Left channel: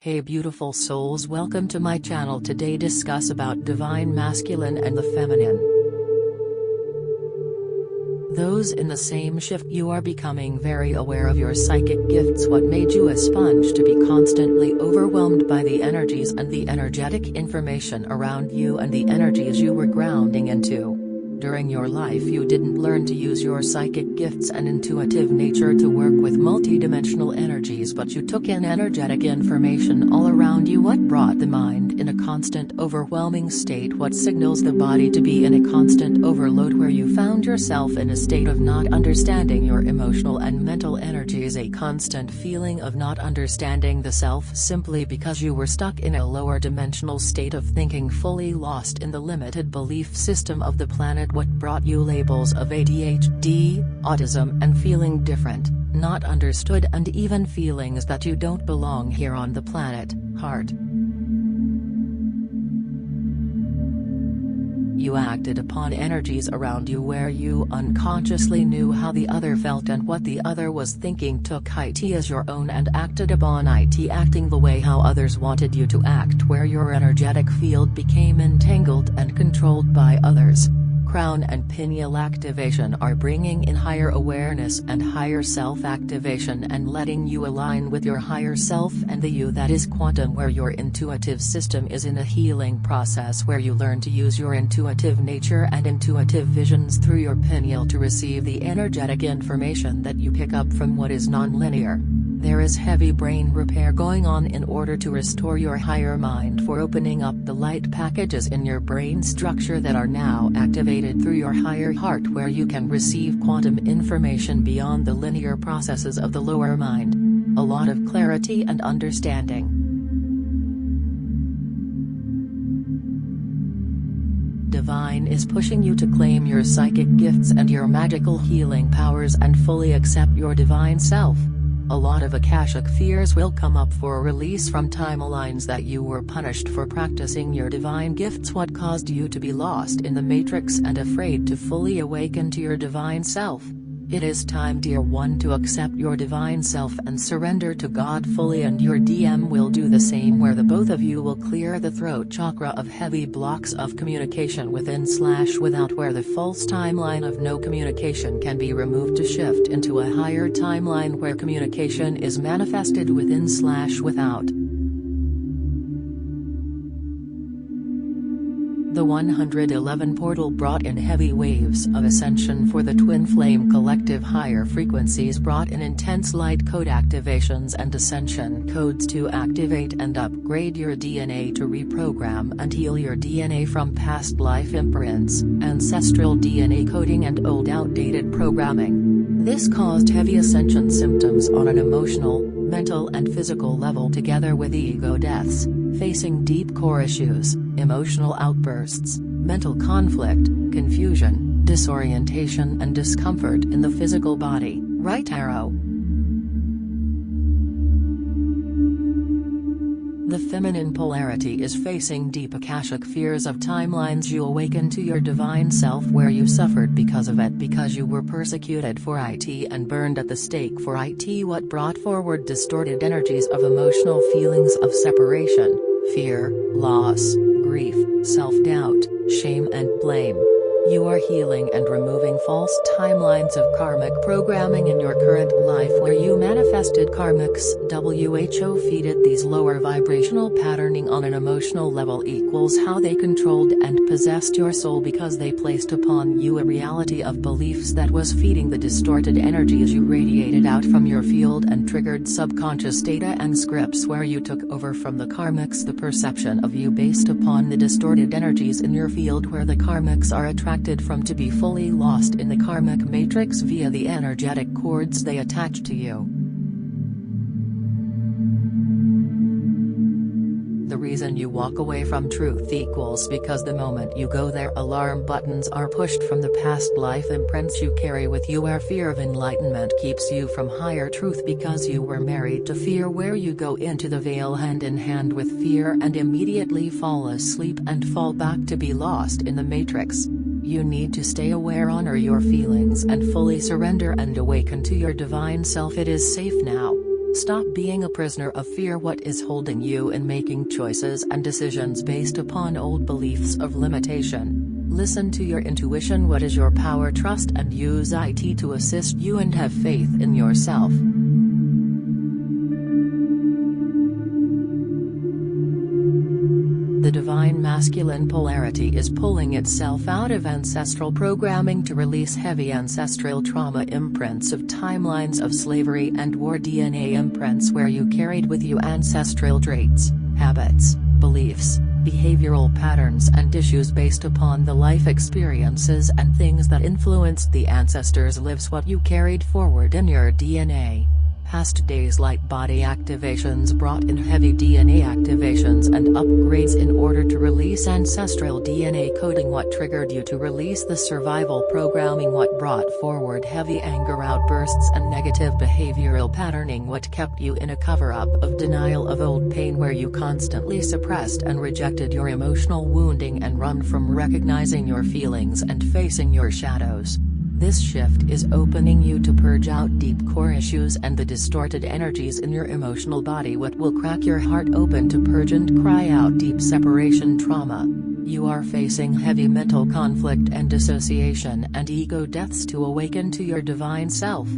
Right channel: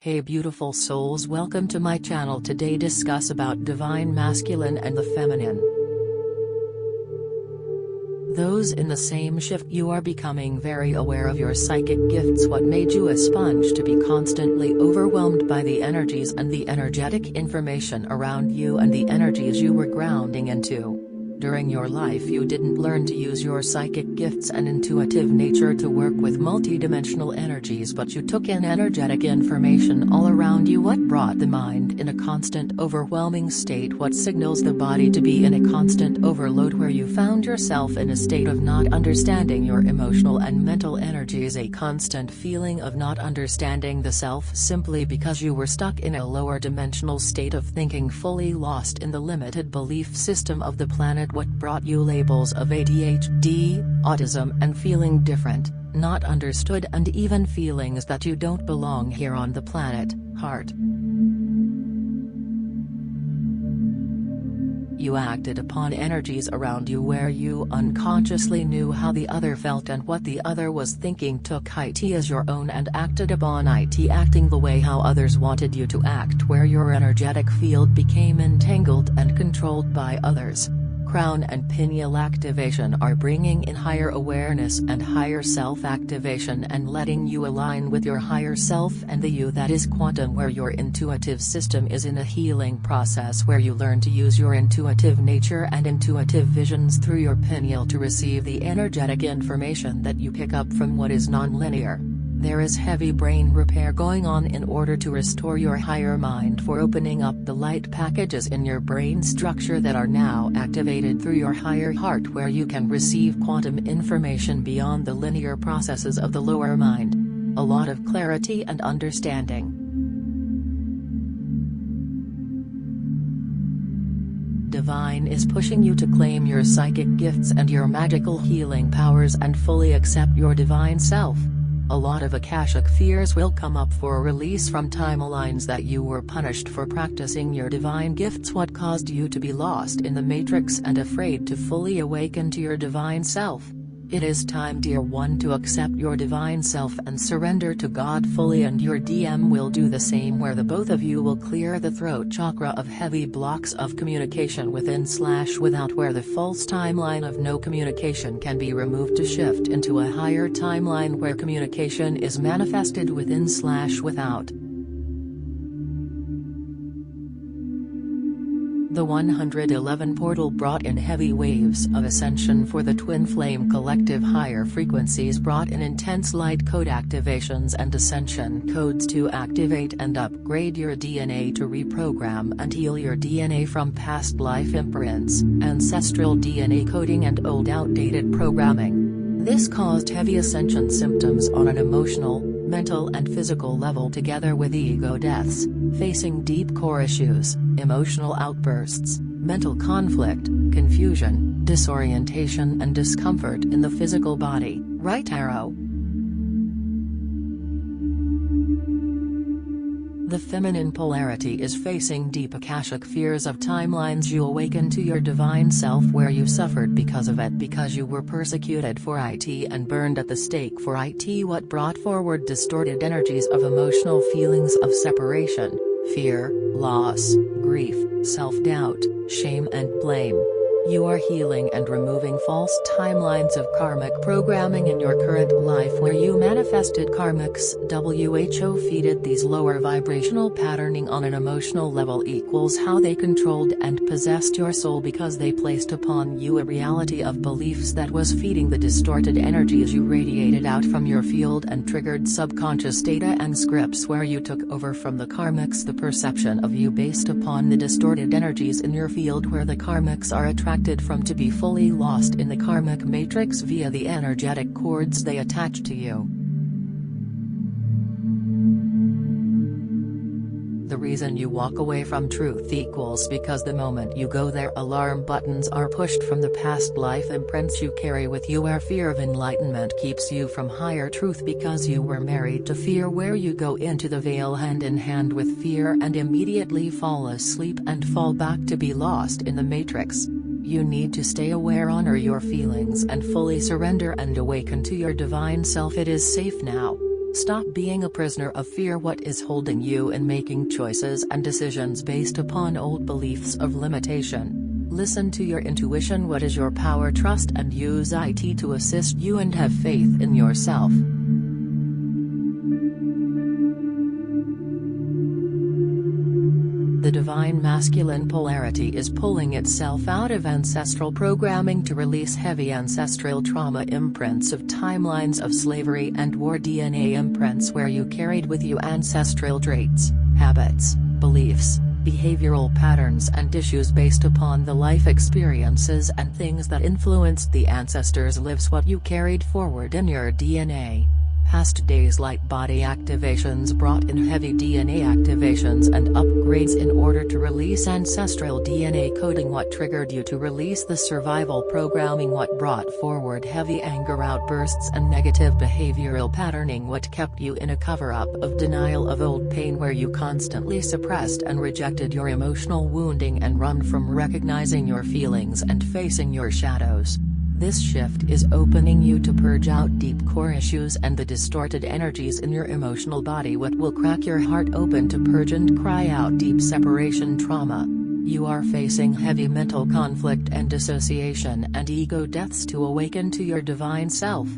Hey beautiful souls, welcome to my channel. Today discuss about divine masculine and the feminine. Those in the same shift. You are becoming very aware of your psychic gifts. What made you a sponge to be constantly overwhelmed by the energies and the energetic information around you and the energies you were grounding into? During your life you didn't learn to use your psychic gifts and intuitive nature to work with multidimensional energies, but you took in energetic information all around you. What brought the mind in a constant overwhelming state? What signals the body to be in a constant overload, where you found yourself in a state of not understanding your emotional and mental energies, a constant feeling of not understanding the self simply because you were stuck in a lower dimensional state of thinking, fully lost in the limited belief system of the planet. What brought you labels of ADHD, autism, and feeling different, not understood, and even feelings that you don't belong here on the planet? Heart. You acted upon energies around you where you unconsciously knew how the other felt and what the other was thinking, took it as your own and acted upon it, acting the way how others wanted you to act, where your energetic field became entangled and controlled by others. Crown and pineal activation are bringing in higher awareness and higher self-activation and letting you align with your higher self and the you that is quantum, where your intuitive system is in a healing process, where you learn to use your intuitive nature and intuitive visions through your pineal to receive the energetic information that you pick up from what is non-linear. There is heavy brain repair going on in order to restore your higher mind, for opening up the light packages in your brain structure that are now activated through your higher heart, where you can receive quantum information beyond the linear processes of the lower mind. A lot of clarity and understanding. Divine is pushing you to claim your psychic gifts and your magical healing powers and fully accept your divine self. A lot of Akashic fears will come up for a release from timelines that you were punished for practicing your divine gifts. What caused you to be lost in the matrix and afraid to fully awaken to your divine self? It is time, dear one, to accept your divine self and surrender to God fully, and your DM will do the same, where the both of you will clear the throat chakra of heavy blocks of communication within/without, where the false timeline of no communication can be removed to shift into a higher timeline where communication is manifested within/without. The 111 portal brought in heavy waves of ascension for the twin flame collective. Higher frequencies brought in intense light code activations and ascension codes to activate and upgrade your DNA, to reprogram and heal your DNA from past life imprints, ancestral DNA coding, and old outdated programming. This caused heavy ascension symptoms on an emotional, mental, and physical level, together with ego deaths, facing deep core issues, emotional outbursts, mental conflict, confusion, disorientation, and discomfort in the physical body. Right arrow. The feminine polarity is facing deep Akashic fears of timelines. You awaken to your divine self where you suffered because of it, because you were persecuted for it and burned at the stake for it. What brought forward distorted energies of emotional feelings of separation, fear, loss, grief, self-doubt, shame, and blame. You are healing and removing false timelines of karmic programming in your current life, where you manifested karmics. WHO feeded these lower vibrational patterning on an emotional level equals how they controlled and possessed your soul, because they placed upon you a reality of beliefs that was feeding the distorted energies you radiated out from your field and triggered subconscious data and scripts, where you took over from the karmics the perception of you based upon the distorted energies in your field, where the karmics are attracted from to be fully lost in the karmic matrix via the energetic cords they attach to you. The reason you walk away from truth equals because the moment you go there, alarm buttons are pushed from the past life imprints you carry with you, where fear of enlightenment keeps you from higher truth because you were married to fear, where you go into the veil hand in hand with fear and immediately fall asleep and fall back to be lost in the matrix. You need to stay aware, honor your feelings, and fully surrender and awaken to your divine self. It is safe now. Stop being a prisoner of fear. What is holding you in making choices and decisions based upon old beliefs of limitation? Listen to your intuition. What is your power? Trust and use it to assist you, and have faith in yourself. The divine masculine polarity is pulling itself out of ancestral programming to release heavy ancestral trauma imprints of timelines of slavery and war, DNA imprints where you carried with you ancestral traits, habits, beliefs, behavioral patterns and issues based upon the life experiences and things that influenced the ancestors' lives. What you carried forward in your DNA. Past days like body activations brought in heavy DNA activations and upgrades in order to release ancestral DNA coding. What triggered you to release the survival programming? What brought forward heavy anger outbursts and negative behavioral patterning? What kept you in a cover-up of denial of old pain where you constantly suppressed and rejected your emotional wounding and run from recognizing your feelings and facing your shadows? This shift is opening you to purge out deep core issues and the distorted energies in your emotional body. What will crack your heart open to purge and cry out deep separation trauma? You are facing heavy mental conflict and dissociation and ego deaths to awaken to your divine self.